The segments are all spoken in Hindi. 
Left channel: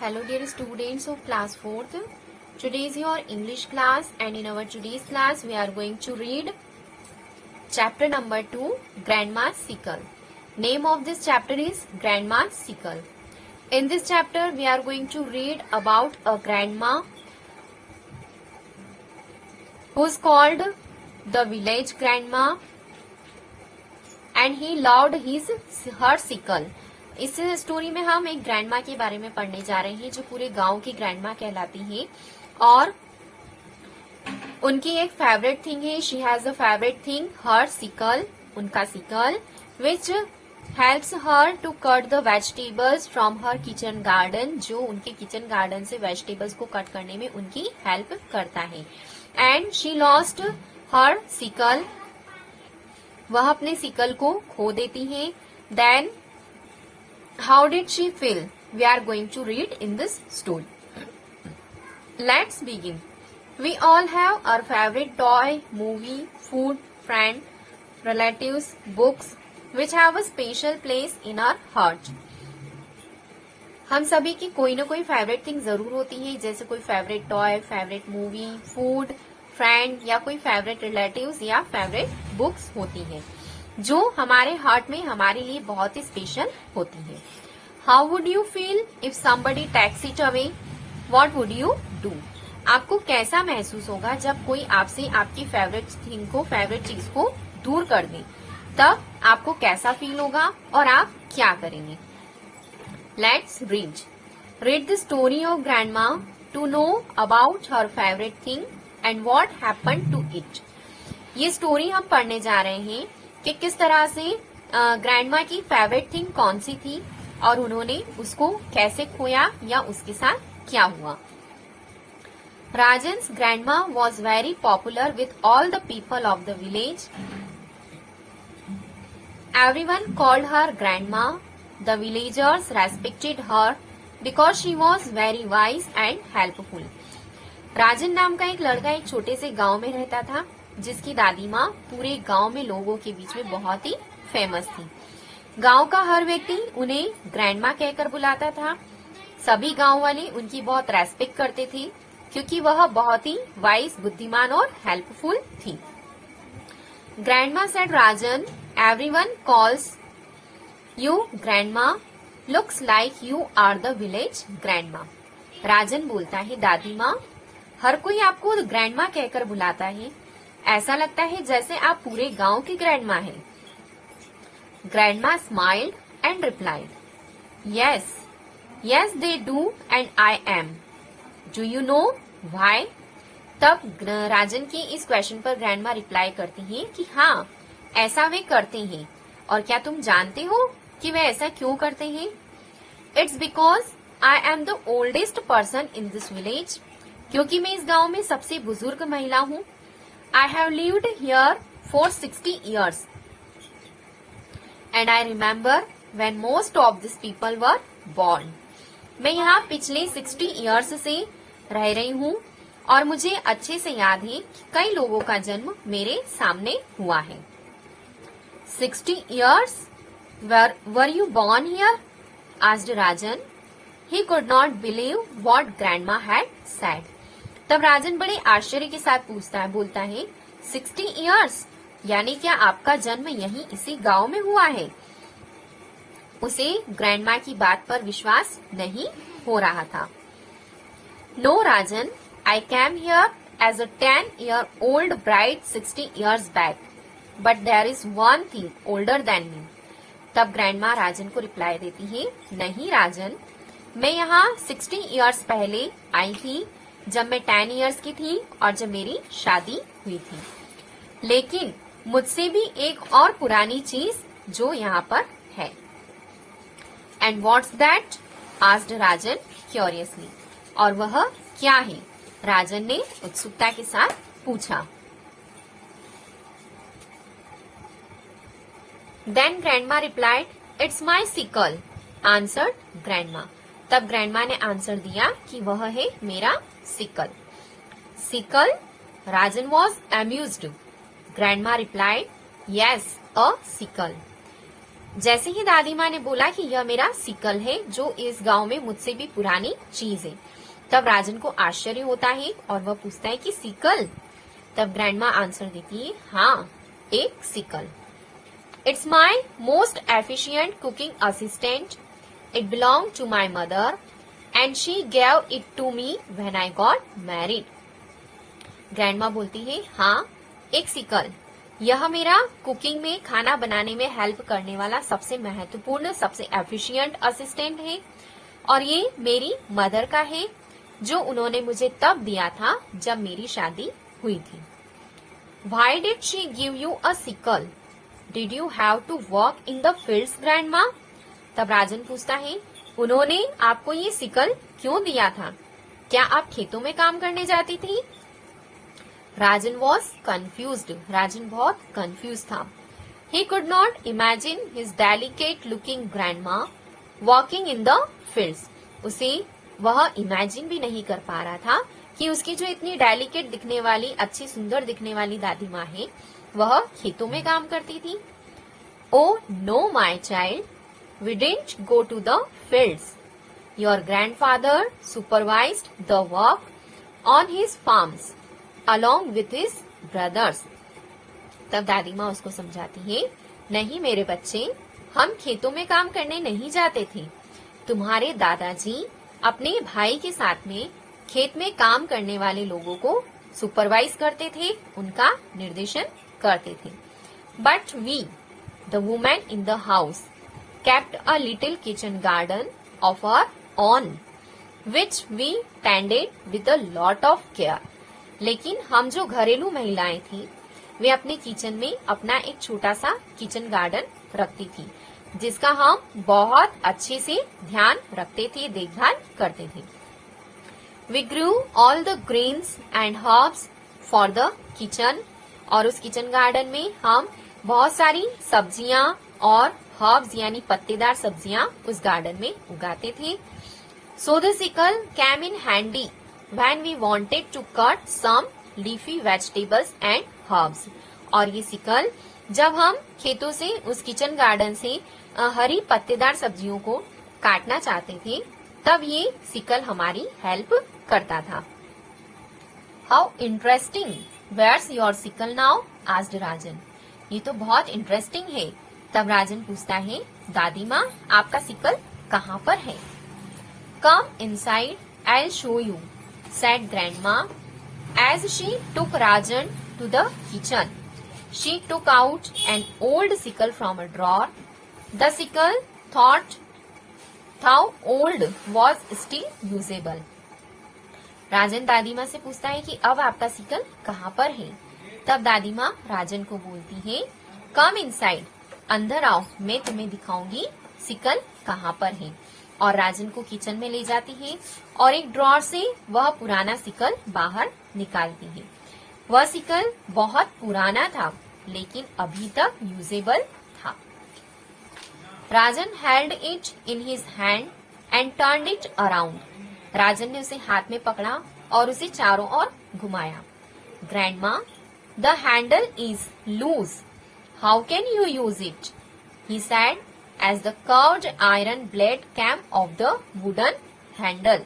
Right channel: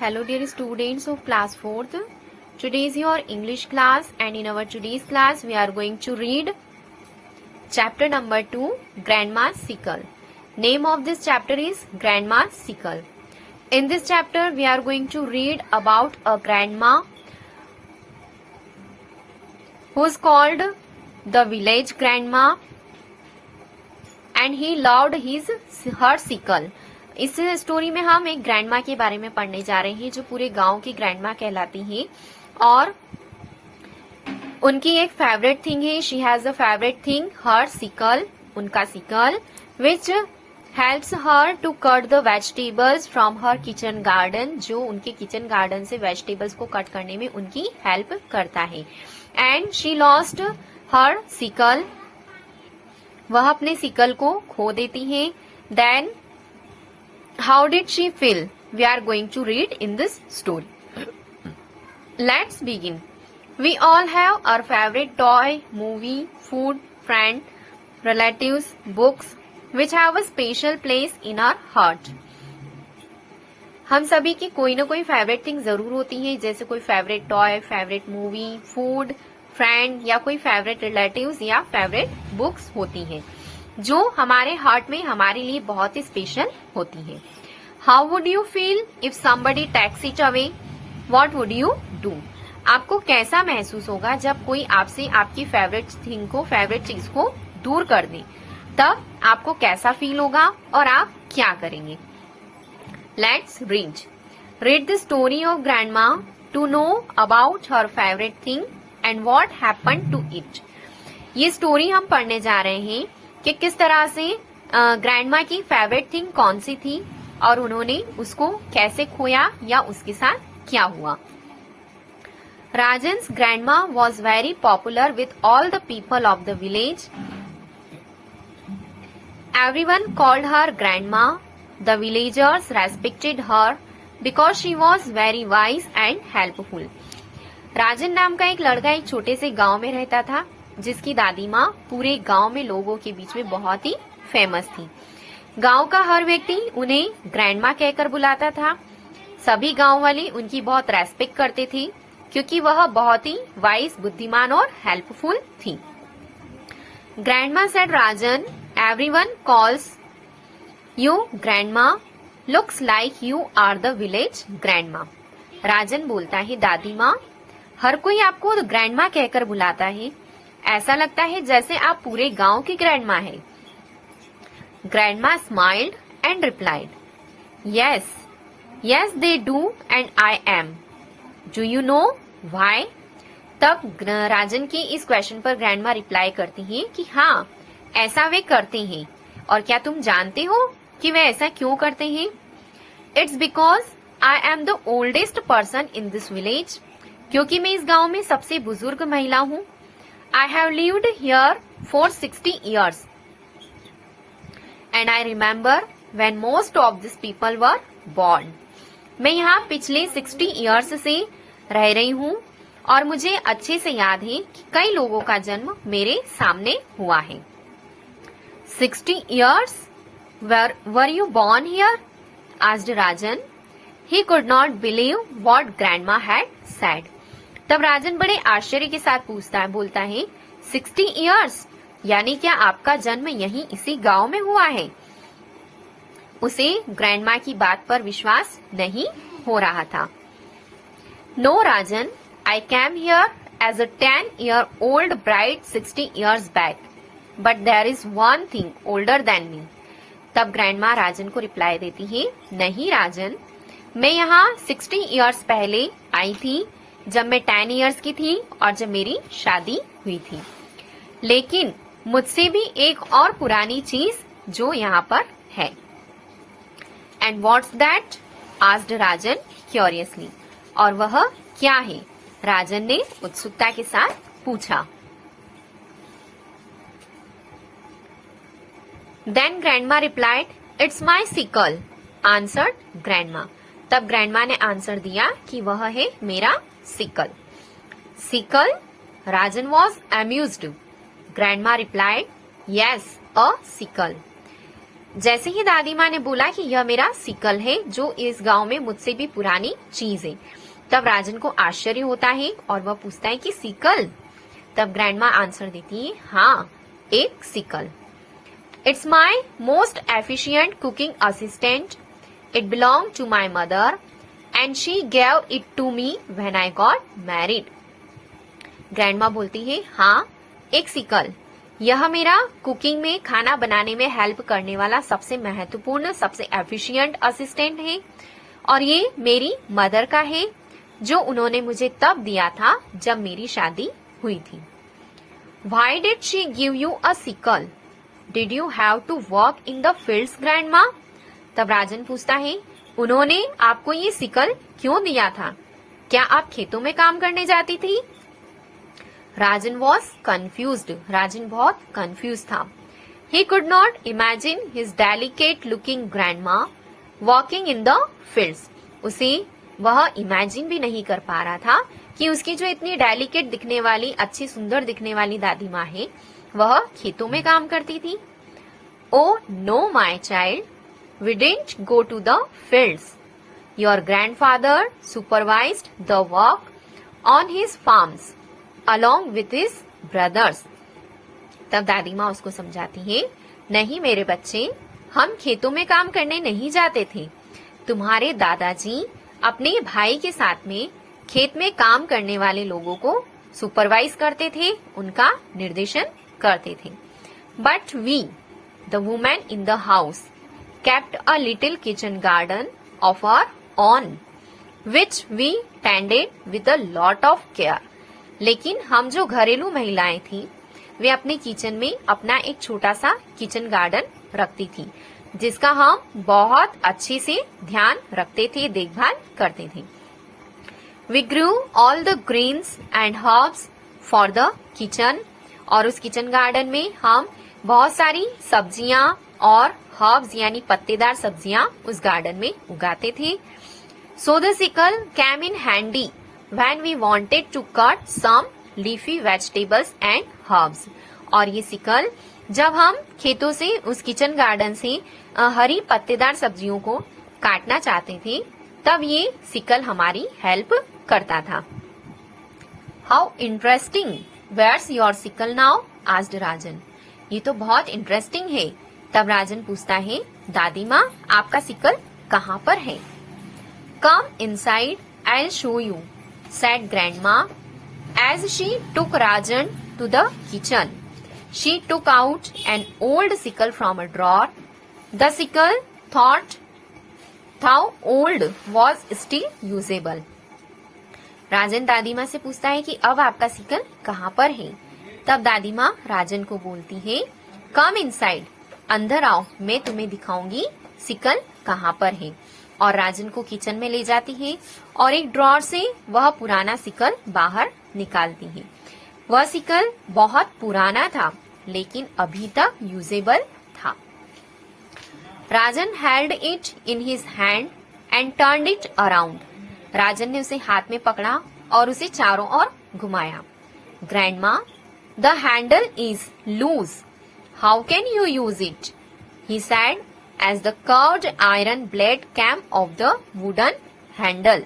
Hello dear students of class 4th. Today is your English class and in our today's class we are going to read chapter number 2, Grandma's Sickle. Name of this chapter is Grandma's Sickle. In this chapter we are going to read about a grandma who is called the village grandma and he loved her sickle. इस स्टोरी में हम एक ग्रैंडमा के बारे में पढ़ने जा रहे हैं जो पूरे गांव की ग्रैंडमा कहलाती हैं और उनकी एक फेवरेट थिंग है. She has a favourite thing her sickle, उनका sickle which helps her to cut the vegetables from her kitchen garden, जो उनके किचन गार्डन से वेजिटेबल्स को कट करने में उनकी हेल्प करता है. And she lost her sickle, वह अपने सिकल को खो देती है. Then how did she feel? We are going to read in this story. Let's begin. We all have our favorite toy, movie, food, friend, relatives, books which have a special place in our heart. हम सभी की कोई ना कोई फेवरेट थिंग जरूर होती है, जैसे कोई favourite toy, favourite movie, food, friend या कोई फेवरेट रिलेटिव्स या फेवरेट बुक्स होती हैं जो हमारे हार्ट में हमारे लिए बहुत ही स्पेशल होती है. How would you feel if somebody takes it away? What would you do? आपको कैसा महसूस होगा जब कोई आपसे आपकी फेवरेट थिंग को, फेवरेट चीज को दूर कर दे? तब आपको कैसा फील होगा और आप क्या करेंगे? Let's read the story of grandma to know about her favourite thing and what happened to it. ये स्टोरी हम पढ़ने जा रहे हैं कि किस तरह से ग्रैंडमा की फेवरेट थिंग कौन सी थी और उन्होंने उसको कैसे खोया या उसके साथ क्या हुआ. Rajan's grandma was very popular with all the people of the village. Everyone called her grandma. The villagers respected her because she was very wise and helpful. Rajan नाम का एक लड़का एक छोटे से गांव में रहता था जिसकी दादी माँ पूरे गांव में लोगों के बीच में बहुत ही फेमस थी. गांव का हर व्यक्ति उन्हें ग्रैंडमा कहकर बुलाता था. सभी गांव वाले उनकी बहुत रेस्पेक्ट करते थे क्योंकि वह बहुत ही वाइज, बुद्धिमान और हेल्पफुल थी. Grandma said Rajan, everyone calls you grandma, looks like you are the village grandma. Rajan बोलता है, दादी माँ, हर कोई आपको ग्रैंडमा कहकर बुलाता है, ऐसा लगता है जैसे आप पूरे गांव की ग्रैंडमा है. Grandma smiled and replied, yes yes they do and I am. Do you know why? तब राजन के इस क्वेश्चन पर ग्रैंडमा रिप्लाई करती हैं कि हाँ, ऐसा वे करते हैं. और क्या तुम जानते हो कि वे ऐसा क्यों करते हैं? It's because I am the oldest person in this village. क्योंकि मैं इस गांव में सबसे बुजुर्ग महिला हूँ. I have lived here for 60 years and I remember when most of these people were born. मैं यहाँ पिछले 60 years से रह रही हूँ और मुझे अच्छे से याद है कि कई लोगों का जन्म मेरे सामने हुआ है. 60 years? Were you born here? asked Rajan. He could not believe what grandma had said. तब राजन बड़े आश्चर्य के साथ बोलता है, 60 years? यानी क्या आपका जन्म यहीं इसी गांव में हुआ है? उसे ग्रैंडमा की बात पर विश्वास नहीं हो रहा था. No Rajan, I came here as a 10-year-old bride 60 years back, but there is one thing older than me. तब ग्रैंडमा राजन को रिप्लाई देती है, नहीं राजन, मैं यहाँ 60 years पहले आई थी जब मैं 10 years की थी और जब मेरी शादी हुई थी. लेकिन मुझसे भी एक और पुरानी चीज जो यहाँ पर है. And what's that? Asked Rajan curiously. और वह क्या है? राजन ने उत्सुकता के साथ पूछा. Then grandma replied, it's my sickle, answered grandma. तब ग्रैंडमा ने आंसर दिया कि वह है मेरा sickle. Sickle? Rajan was amused. Grandma replied, yes, a sickle. जैसे ही दादी माँ ने बोला कि यह मेरा सिकल है जो इस गांव में मुझसे भी पुरानी चीज है, तब राजन को आश्चर्य होता है और वह पूछता है कि सिकल? तब ग्रैंडमा आंसर देती है, हाँ, एक sickle. It's my most efficient cooking assistant. It belong to my mother and she gave it to me when I got married. Grandma बोलती है, हाँ, एक सिकल। यह मेरा कुकिंग में, खाना बनाने में हेल्प करने वाला सबसे महत्वपूर्ण, सबसे एफिशिएंट असिस्टेंट है और ये मेरी मदर का है जो उन्होंने मुझे तब दिया था जब मेरी शादी हुई थी। Why did she give you a sickle? Did you have to work in the fields, grandma? तब राजन पूछता है, उन्होंने आपको ये सिकल क्यों दिया था? क्या आप खेतों में काम करने जाती थी? राजन वॉज कन्फ्यूज्ड। राजन बहुत कन्फ्यूज था। He could not imagine his delicate looking grandma walking in the fields. उसे वह इमेजिन भी नहीं कर पा रहा था कि उसकी जो इतनी डेलिकेट दिखने वाली, अच्छी सुंदर दिखने वाली दादी माँ है, वह खेतों में काम करती थी। Oh no, my child, we didn't go to the fields. Your grandfather supervised the work on his farms along with his brothers. तब दादी माँ उसको समझाती है, नहीं मेरे बच्चे, हम खेतों में काम करने नहीं जाते थे। तुम्हारे दादाजी अपने भाई के साथ में खेत में काम करने वाले लोगों को सुपरवाइज करते थे, उनका निर्देशन करते थे। But we, the women in the house, kept a little kitchen garden of our own, which we tended with a lot of care. लेकिन हम जो घरेलू महिलाएं थी, वे अपने किचन में अपना एक छोटा सा किचन गार्डन रखती थी, जिसका हम बहुत अच्छे से ध्यान रखते थे, देखभाल करते थे। We grew all the greens and herbs for the kitchen, और उस किचन गार्डन में हम बहुत सारी सब्जियां और हर्ब्स यानी पत्तेदार सब्जियां उस गार्डन में उगाते थे। So the sickle came in handy when we wanted to cut some leafy vegetables and herbs. और ये सिकल जब हम खेतों से, उस किचन गार्डन से हरी पत्तेदार सब्जियों को काटना चाहते थे, तब ये सिकल हमारी हेल्प करता था। How interesting! Where's your sickle now? asked राजन। ये तो बहुत इंटरेस्टिंग है। तब राजन पूछता है, दादी माँ, आपका सिकल कहाँ पर है? Come inside, I'll show you, said grandma as she took Rajan to the kitchen. She took out an old sickle from a drawer. The sickle, thought how old, was still usable. राजन दादी माँ से पूछता है कि अब आपका सिकल कहाँ पर है? तब दादी माँ राजन को बोलती है, कम इनसाइड, अंदर आओ, मैं तुम्हें दिखाऊंगी सिकल कहाँ पर है। और राजन को किचन में ले जाती है और एक ड्रॉर से वह पुराना सिकल बाहर निकालती है। वह सिकल बहुत पुराना था, लेकिन अभी तक यूजेबल था। Rajan held it in his hand and turned it around. Rajan ने उसे हाथ में पकड़ा और उसे चारों ओर घुमाया। Grandma, the handle is loose, how can you use it? He said as the curved iron blade came off the wooden handle.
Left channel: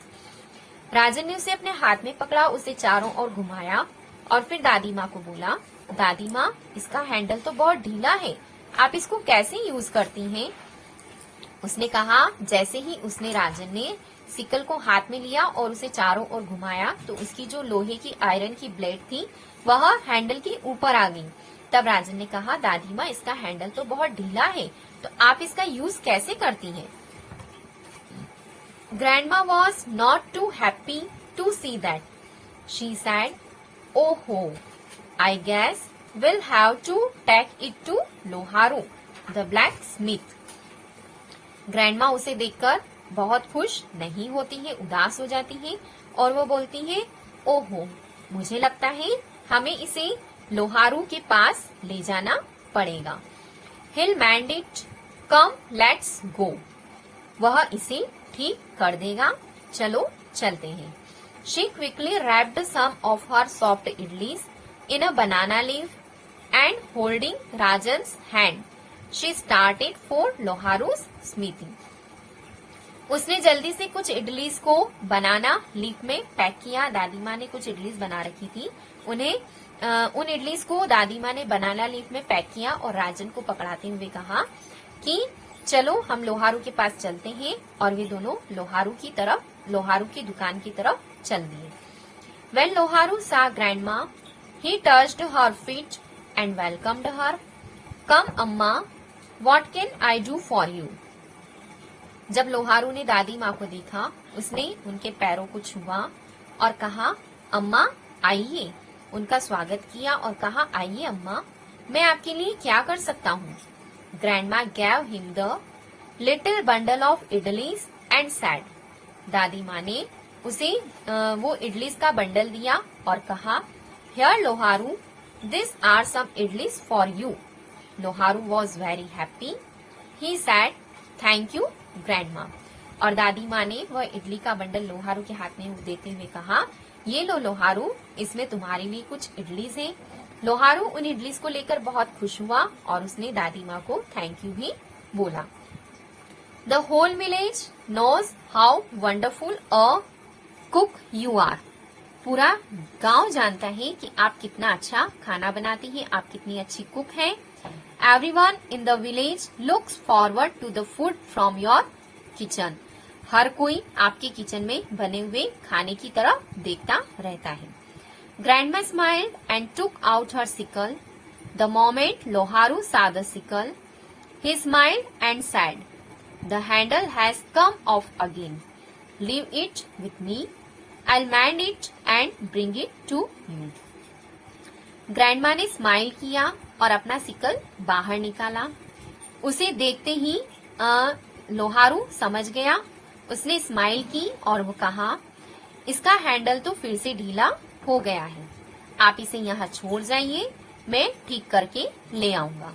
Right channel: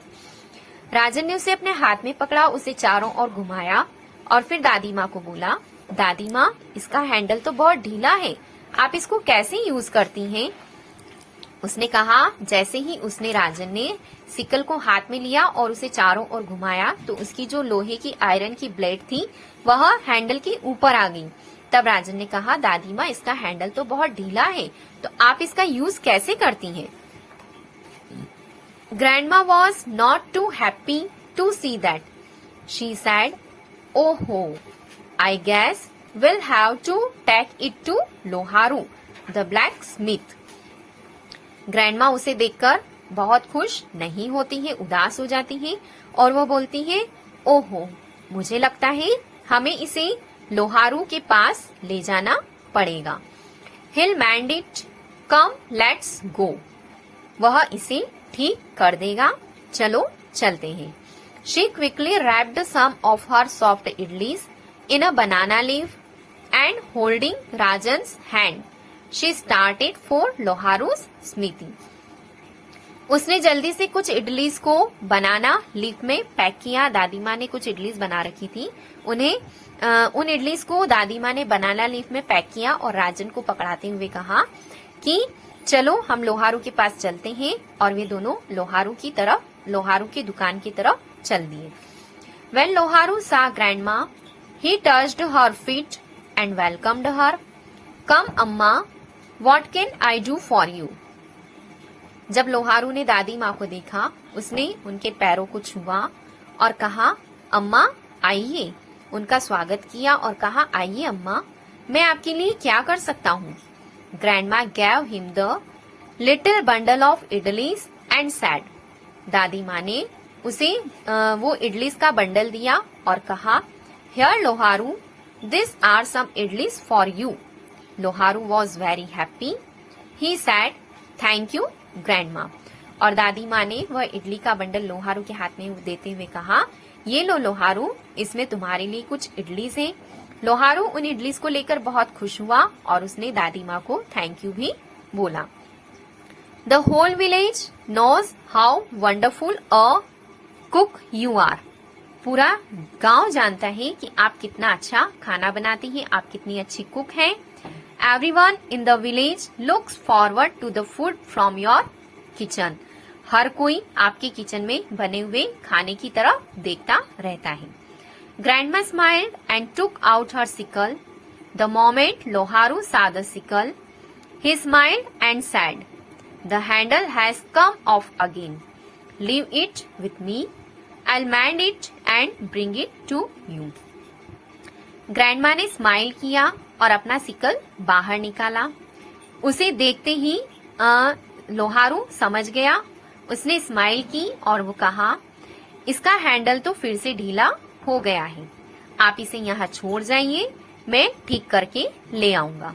राजन ने उसे अपने हाथ में पकड़ा, उसे चारों ओर घुमाया और फिर दादी माँ को बोला, दादी माँ, इसका हैंडल तो बहुत ढीला है, आप इसको कैसे यूज करती हैं? उसने कहा, जैसे ही उसने, राजन ने सिकल को हाथ में लिया और उसे चारों ओर घुमाया, तो उसकी जो लोहे की आयरन की ब्लेड थी वह हैंडल के ऊपर आ गई। तब राजन ने कहा, दादी माँ, इसका हैंडल तो बहुत ढीला है, तो आप इसका यूज कैसे करती हैं? Grandma was not too happy to see that. She said, oho, I guess will have to take it to Loharu the blacksmith. Grandma उसे देखकर बहुत खुश नहीं होती है, उदास हो जाती है और वो बोलती है, ओहो, मुझे लगता है हमें इसे लोहारू के पास ले जाना पड़ेगा। He'll mend it. Come, let's go. वह इसे ठीक कर देगा, चलो चलते हैं। She quickly wrapped some of her soft idlis in a banana leaf and holding Rajan's hand, she started for Loharu's smithy. उसने जल्दी से कुछ इडलीज को बनाना लीफ में पैक किया। दादी माँ ने कुछ इडलीज बना रखी थी, उन इडलीज को दादी माँ ने बनाना लीफ में पैक किया और राजन को पकड़ाते हुए कहा कि चलो हम लोहारू के पास चलते हैं, और वे दोनों लोहारू की दुकान की तरफ चल दिए। When Loharu saw grandma, he touched her feet and welcomed her. Come अम्मा, what can I do for you? जब लोहारू ने दादी माँ को देखा, उसने उनके पैरों को छुआ और कहा अम्मा आइए। उनका स्वागत किया और कहा आइए अम्मा, मैं आपके लिए क्या कर सकता हूँ। Grandma gave him the little bundle of idlis and said, दादी माँ ने उसे वो इडलीस का बंडल दिया और कहा Here Loharu, these are some idlis for you. Loharu was very happy. He said, Thank you, grandma. और दादी माँ ने वह इडली का बंडल लोहारू के हाथ में देते हुए कहा ये लो लोहारू, इसमें तुम्हारे लिए कुछ इडलीज हैं। लोहारू उन इडलीज को लेकर बहुत खुश हुआ और उसने दादी माँ को थैंक यू भी बोला। The whole village knows how wonderful a cook you are. पूरा गांव जानता है कि आप कितना अच्छा खाना बनाती हैं, आप कितनी अच्छी कुक हैं। Everyone in the village looks forward to the food from your kitchen. हर कोई आपके किचन में बने हुए खाने की तरफ देखता रहता है। Grandma smiled and took out her sickle. The moment Loharu saw the sickle, he smiled and said, The handle has come off again. Leave it with me. I'll mend it and bring it to you. Grandma ने स्माइल किया और अपना सिकल बाहर निकाला। उसे देखते ही लोहारू समझ गया। उसने स्माइल की और वो कहा इसका हैंडल तो फिर से ढीला हो गया है, आप इसे यहाँ छोड़ जाइए, मैं ठीक करके ले आऊंगा।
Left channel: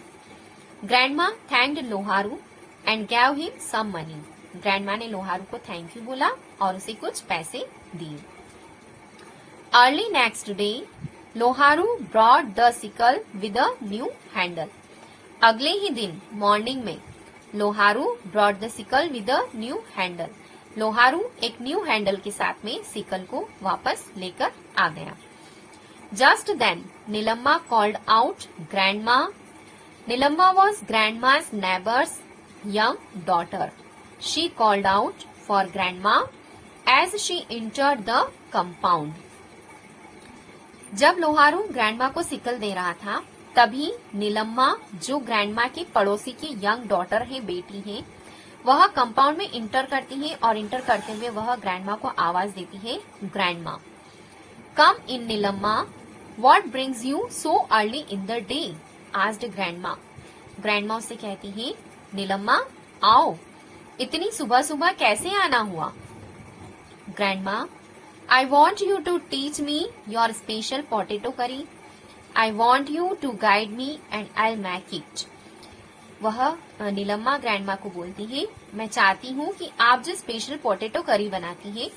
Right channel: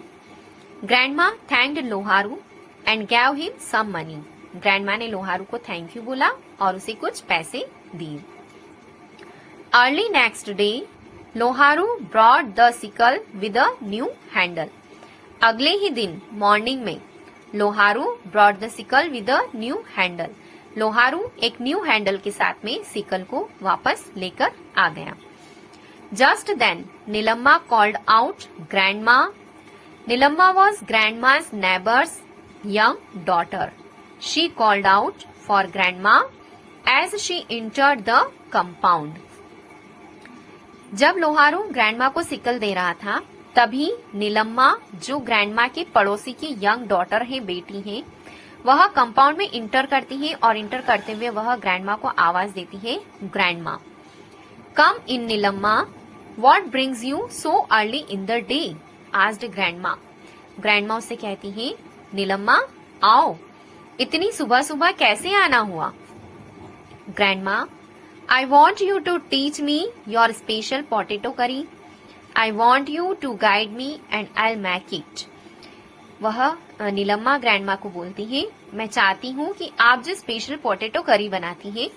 Grandma thanked Loharu and gave him some money. Grandma ने लोहारू को थैंक यू बोला और उसे कुछ पैसे दिए। Early next day Loharu brought the sickle with a new handle. अगले ही दिन मॉर्निंग में Loharu brought the sickle with a new handle. Loharu एक न्यू हैंडल के साथ में सिकल को वापस लेकर आ गया। Just then Neelamma called out grandma. Neelamma was grandma's neighbor's young daughter. She called out for grandma as she entered the compound. जब लोहारू ग्रैंडमा को सिकल दे रहा था, तभी नीलम्मा जो ग्रैंडमा के पड़ोसी की यंग डॉटर है, बेटी है, वह कंपाउंड में इंटर करती है और इंटर करते हुए वह ग्रैंडमा को आवाज देती है grandma. Come in Neelamma, what brings you so early in the day? Asked grandma. Grandma उससे कहती है नीलम्मा आओ, इतनी सुबह सुबह कैसे आना हुआ? Grandma, I want you to teach me your special potato curry. I want you to guide me and I'll make it. वह नीलम्मा ग्रैंडमा को बोलती है मैं चाहती हूँ कि आप जो स्पेशल पोटैटो करी बनाती हैं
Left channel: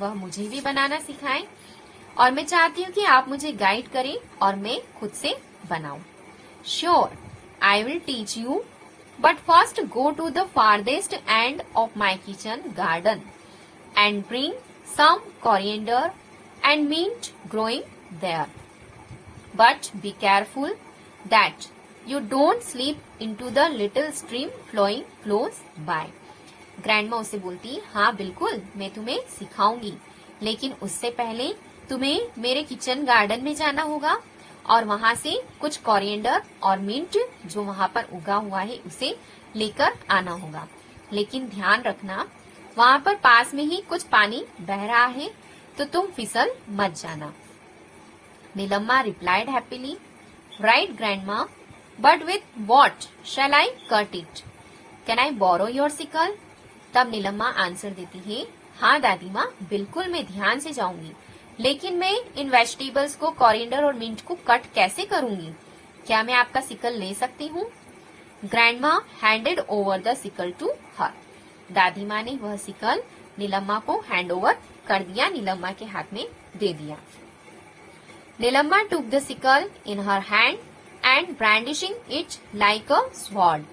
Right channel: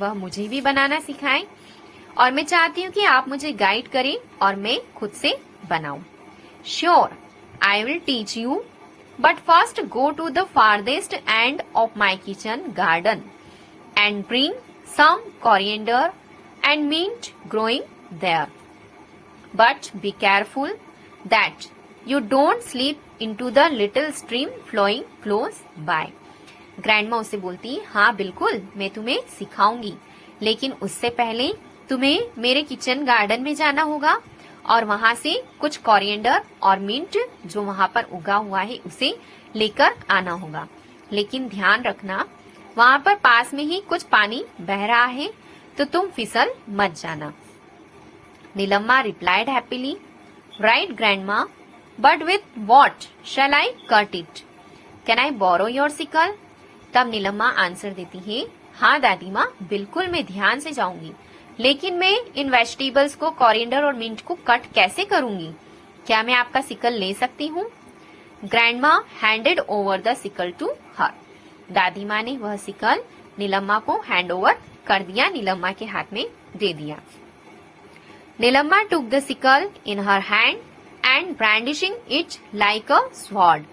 वह मुझे भी बनाना सिखाएं, और मैं चाहती हूँ कि आप मुझे गाइड करें और मैं खुद से बनाऊं। Sure, I will teach you, but first go to the farthest end of my kitchen garden and bring some coriander and mint growing there. But be careful that you don't slip into the little stream flowing close by. Grandma उससे बोलती हाँ बिल्कुल मैं तुम्हें सिखाऊंगी, लेकिन उससे पहले तुम्हें मेरे किचन गार्डन में जाना होगा और वहाँ से कुछ कोरिएंडर और मिंट जो वहाँ पर उगा हुआ है उसे लेकर आना होगा। लेकिन ध्यान रखना वहाँ पर पास में ही कुछ पानी बह रहा है, तो तुम फिसल मत जाना। Neelamma replied happily, right grandma, but with what shall I cut it? Can I borrow your sickle? तब नीलम्मा आंसर देती है हाँ दादी माँ, बिल्कुल मैं ध्यान से जाऊंगी, लेकिन मैं इन वेजिटेबल्स को कोरिएंडर और मिंट को कट कैसे करूंगी? क्या मैं आपका सिकल ले सकती हूँ? Grandma handed over the sickle to her. दादी माँ ने वह सिकल नीलम्मा को हैंड ओवर कर दिया, नीलम्मा के हाथ में दे दिया। Nillamma took the sickle in her hand and brandishing it like a sword,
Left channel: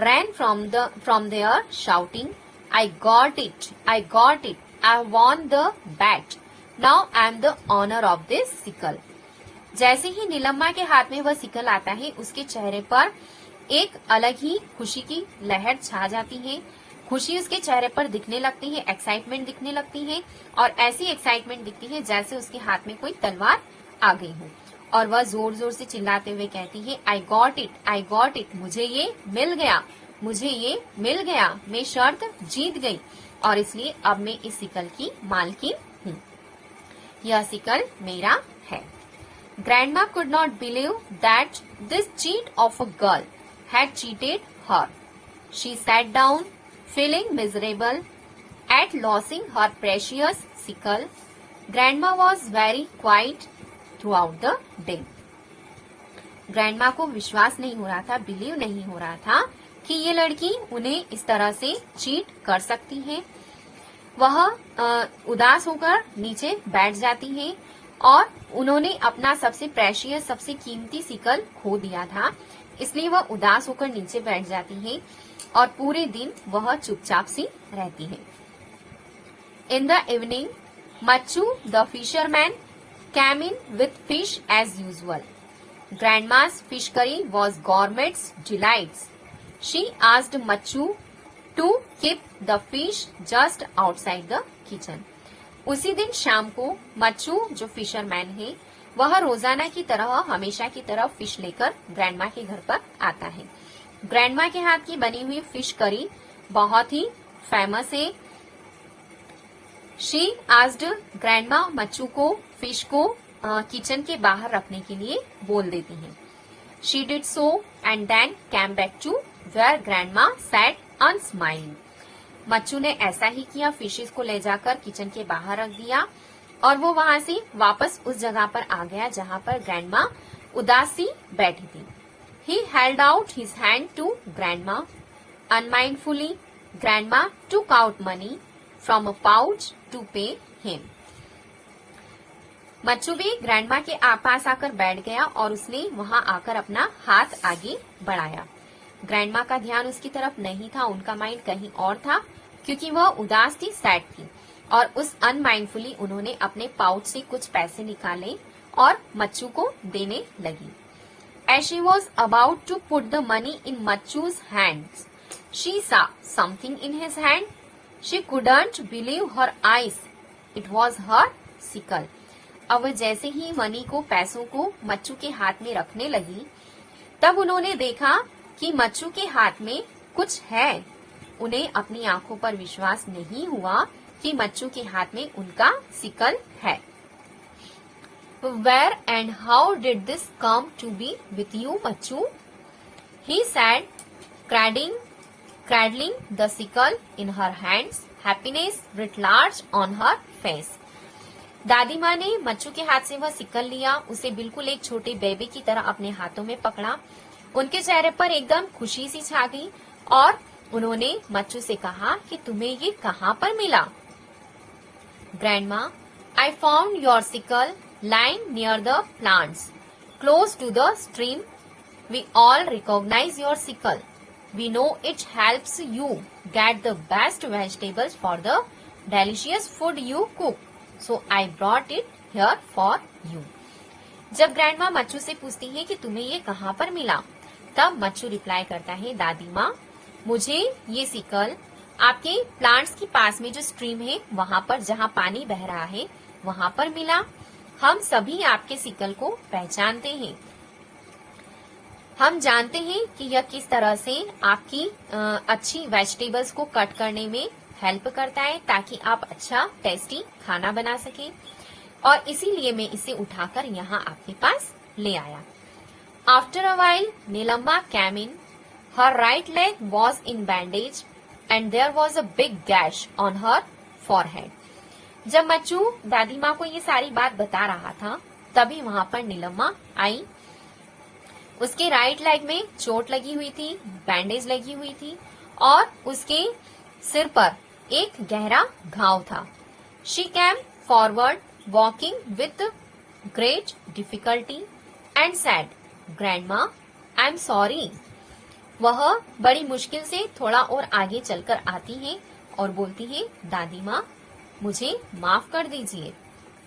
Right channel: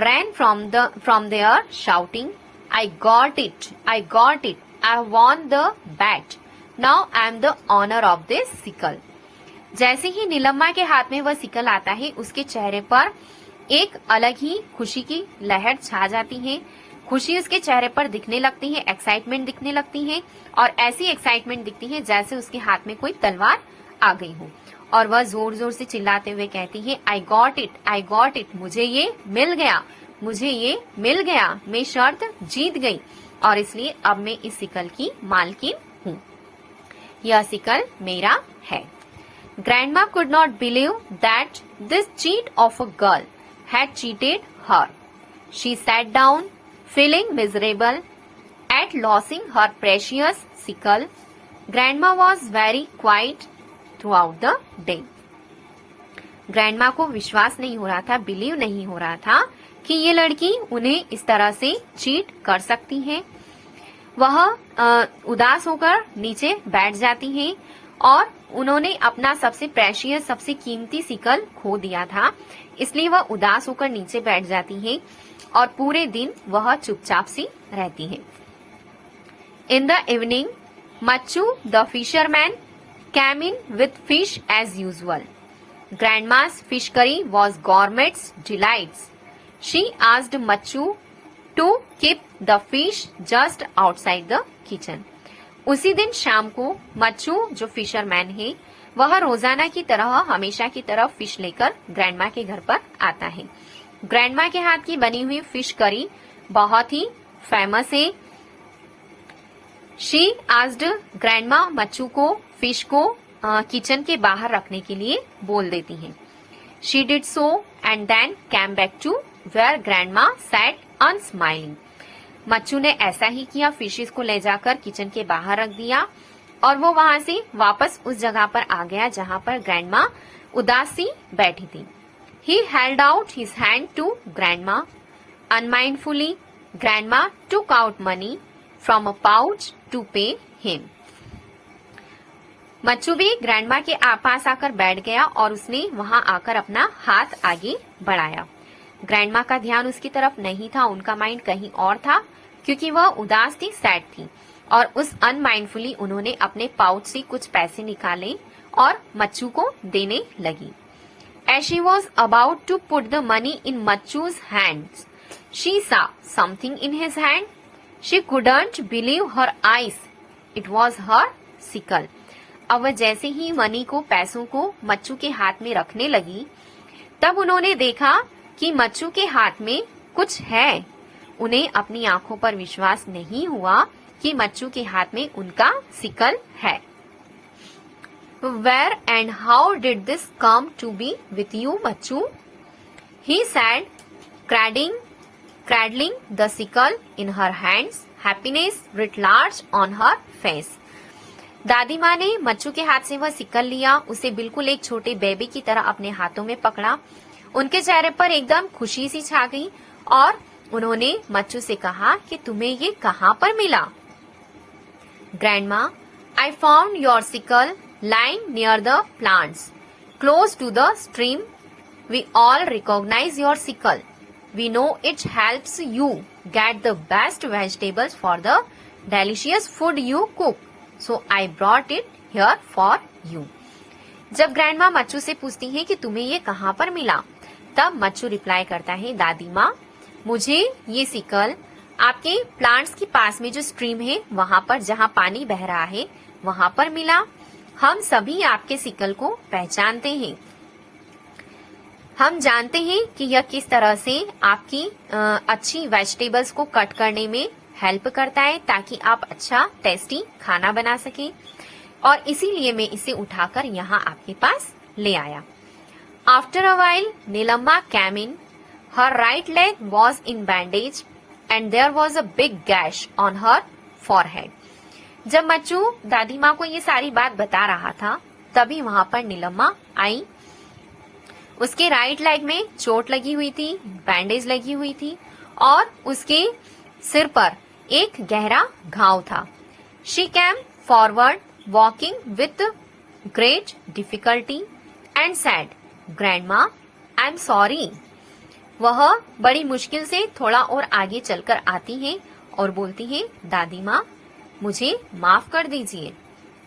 ran from there shouting, I got it, I won the bet. Now I am the owner of this sickle. जैसे ही नीलम्मा के हाथ में वह सिकल आता है, उसके चेहरे पर एक अलग ही खुशी की लहर छा जाती है। खुशी उसके चेहरे पर दिखने लगती है, एक्साइटमेंट दिखने लगती है, और ऐसी एक्साइटमेंट दिखती है जैसे उसके हाथ में कोई तलवार आ गई हो, और वह जोर जोर से चिल्लाते हुए कहती है, आई गॉट इट, मुझे ये मिल गया, मैं शर्त जीत गई, और इसलिए अब मैं इस सिकल की मालकिन हूँ, यह सिकल मेरा है। Grandma could not believe that this cheat of a girl had cheated her. She sat down, feeling miserable at losing her precious sickle. Grandma was very quiet throughout the day. Grandma को विश्वास नहीं हो रहा था, बिलीव नहीं हो रहा था कि ये लड़की उन्हें इस तरह से चीट कर सकती है। वह उदास होकर नीचे बैठ जाती है, और उन्होंने अपना सबसे प्रेशियस, सबसे कीमती सिकल खो दिया था, इसलिए वह उदास होकर नीचे बैठ जाती है, और पूरे दिन वह चुपचाप सी रहती है। In the evening Machu the fisherman came in with fish as usual. Grandma's fish curry was gourmet's delights. She asked Machu to keep the fish just outside the kitchen. उसी दिन शाम को मच्चू जो फिशरमैन है, वह रोजाना की तरह, हमेशा की तरह फिश लेकर ग्रैंडमा के घर पर आता है। ग्रैंडमा के हाथ की बनी हुई फिश करी बहुत ही फेमस है। शी आस्क्ड ग्रैंडमा मच्चू को फिश को किचन के बाहर रखने के लिए बोल देती है। She did so and then came back to where grandma sat unsmiling. Machu ने ऐसा ही किया, फिशेस को ले जाकर किचन के बाहर रख दिया, और वो वहां से वापस उस जगह पर आ गया जहां पर ग्रैंडमा उदास सी बैठी थी। He held out his hand to grandma. Unmindfully grandma took out money from a pouch to pay him. Machu भी ग्रैंडमा के पास आकर बैठ गया, और उसने वहां आकर अपना हाथ आगे बढ़ाया। ग्रैंडमा का ध्यान उसकी तरफ नहीं था, उनका माइंड कहीं और था, क्योंकि वह उदास थी, सैड थी, और उस अनमाइंडफुली उन्होंने अपने पाउच से कुछ पैसे निकाले और मच्चू को देने लगी। As she was about to put the money in Machu's hands, she saw something in his hand. She couldn't believe her eyes. It was her sickle. अब वह जैसे ही मनी को, पैसों को मच्चू के हाथ में रखने लगी, तब उन्होंने देखा कि मच्चू के हाथ में कुछ है। उन्हें अपनी आंखों पर विश्वास नहीं हुआ कि मच्चू के हाथ में उनका सिकल है। Where and how did this come to be with you, Machu? He said, cradling the sickle in her hands, happiness writ large on her face. दादी माँ ने मच्चू के हाथ से वह सिकल लिया, उसे बिल्कुल एक छोटे बेबी की तरह अपने हाथों में पकड़ा। उनके चेहरे पर एकदम खुशी सी छा गई, और उन्होंने मच्चू से कहा कि तुम्हें ये कहाँ पर मिला। Grandma, I found your sickle lying near the plants, close to the stream. We all recognize your sickle. We know it helps you get the best vegetables for the delicious food you cook. So I brought it here for you. जब ग्रैंडमा मच्चू से पूछती है कि तुम्हें ये कहाँ पर मिला, तब मच्चू रिप्लाई करता है, दादी माँ, मुझे ये सिकल आपके प्लांट्स के पास में जो स्ट्रीम है वहाँ पर, जहाँ पानी बह रहा है, वहाँ पर मिला। हम सभी आपके सिकल को पहचानते हैं। हम जानते हैं कि यह किस तरह से आपकी अच्छी वेजिटेबल्स को कट करने में हेल्प करता है, ताकि आप अच्छा टेस्टी खाना बना सके, और इसीलिए मैं इसे उठाकर यहाँ आपके पास ले आया। After a while Neelamma came in. Her right leg was in bandage and there was a big gash on her forehead. जब मच्चू दादी माँ को ये सारी बात बता रहा था, तभी वहां पर नीलम्मा आई। उसके राइट लेग में चोट लगी हुई थी, बैंडेज लगी हुई थी, और उसके सिर पर एक गहरा घाव था। She came forward walking with great difficulty and sad, grandma, I am sorry. वह बड़ी मुश्किल से थोड़ा और आगे चलकर आती है और बोलती है, दादी माँ मुझे माफ कर दीजिए।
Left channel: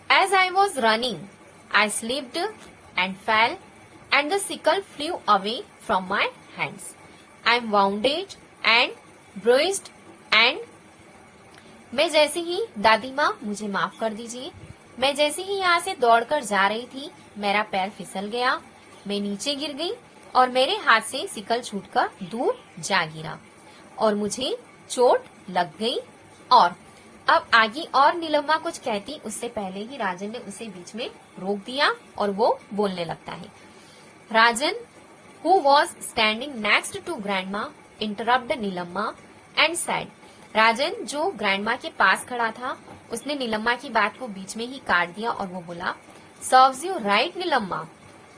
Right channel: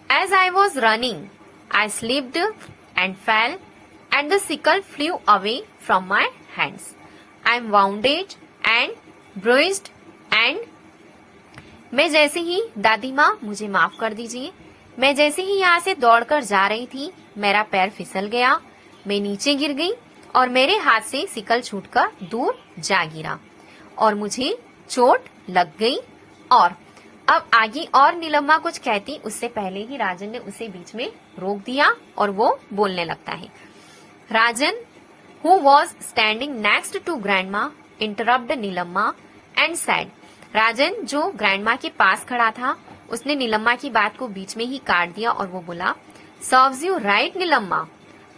As I was running, I slipped and fell, and the sickle flew away from my hands. I am wounded and bruised and मैं जैसे ही, दादी माँ मुझे माफ कर दीजिए, मैं जैसे ही यहाँ से दौड़कर जा रही थी, मेरा पैर फिसल गया, मैं नीचे गिर गई और मेरे हाथ से सिकल छूटकर दूर जा गिरा और मुझे चोट लग गई। और अब आगे और नीलम्मा कुछ कहती उससे पहले ही राजन ने उसे बीच में रोक दिया और वो बोलने लगता है। राजन, who was standing next to grandma, interrupted Neelamma and said, राजन जो ग्रैंडमा के पास खड़ा था उसने नीलम्मा की बात को बीच में ही काट दिया और वो बोला, serves you right Neelamma,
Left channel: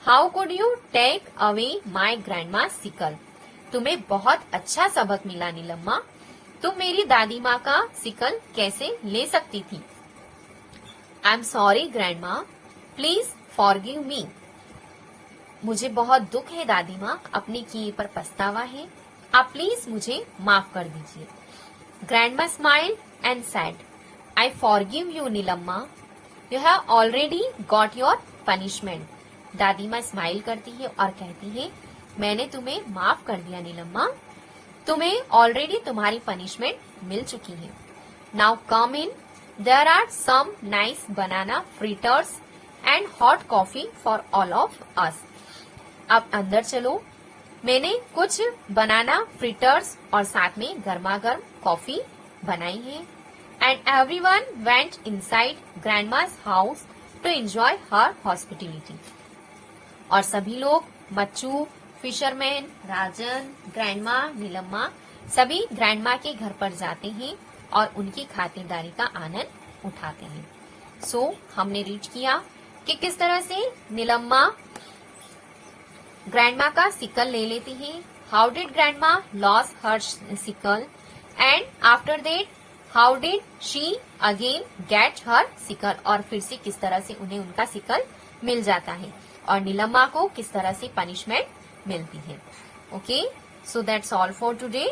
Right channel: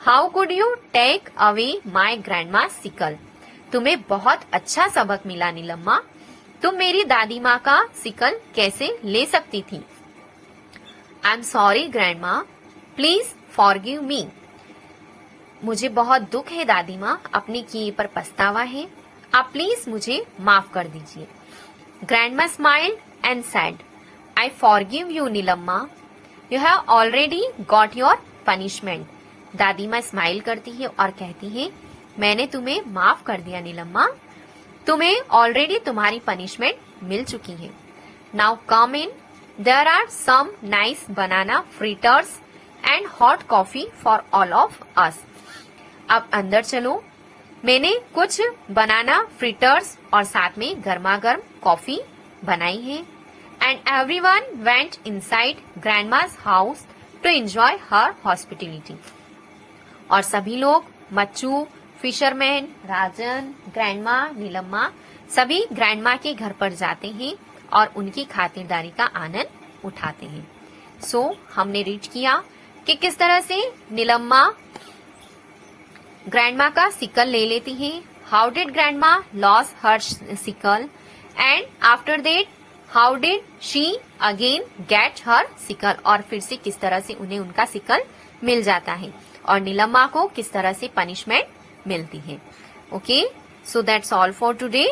how could you take away my grandma sickle. तुम्हें बहुत अच्छा सबक मिला नीलम्मा, तुम मेरी दादी माँ का सिकल कैसे ले सकती थी। I am sorry grandma, please forgive me. मुझे बहुत दुख है दादी माँ, अपने किए पर पछतावा है, आप प्लीज मुझे माफ कर दीजिए। Grandma smiled and said, I forgive you Neelamma, you have already got your punishment. दादी माँ स्माइल करती है और कहती है, मैंने तुम्हें माफ कर दिया नीलम्मा, तुम्हें ऑलरेडी तुम्हारी पनिशमेंट मिल चुकी है। Now come in, there are some nice banana fritters and hot coffee for all of us. अब अंदर चलो, मैंने कुछ बनाना फ्रीटर्स और साथ में गर्मा गर्म कॉफी बनाई है। And everyone went inside grandma's house to enjoy her hospitality. और सभी लोग, मच्चू, फिशरमैन, राजन, ग्रैंडमा, नीलम्मा, सभी ग्रैंडमा के घर पर जाते हैं और उनकी खातिरदारी का आनंद उठाते हैं। सो हमने रीड किया कि किस तरह से नीलम्मा ग्रैंडमा का सिकल ले लेती है, how did grandma loss her sickle, and after that how did she again get her sickle, और फिर से किस तरह से उन्हें उनका सिकल मिल जाता है और नीलम्मा को किस तरह से पनिशमेंट मिलती है। Okay, so that's all for today.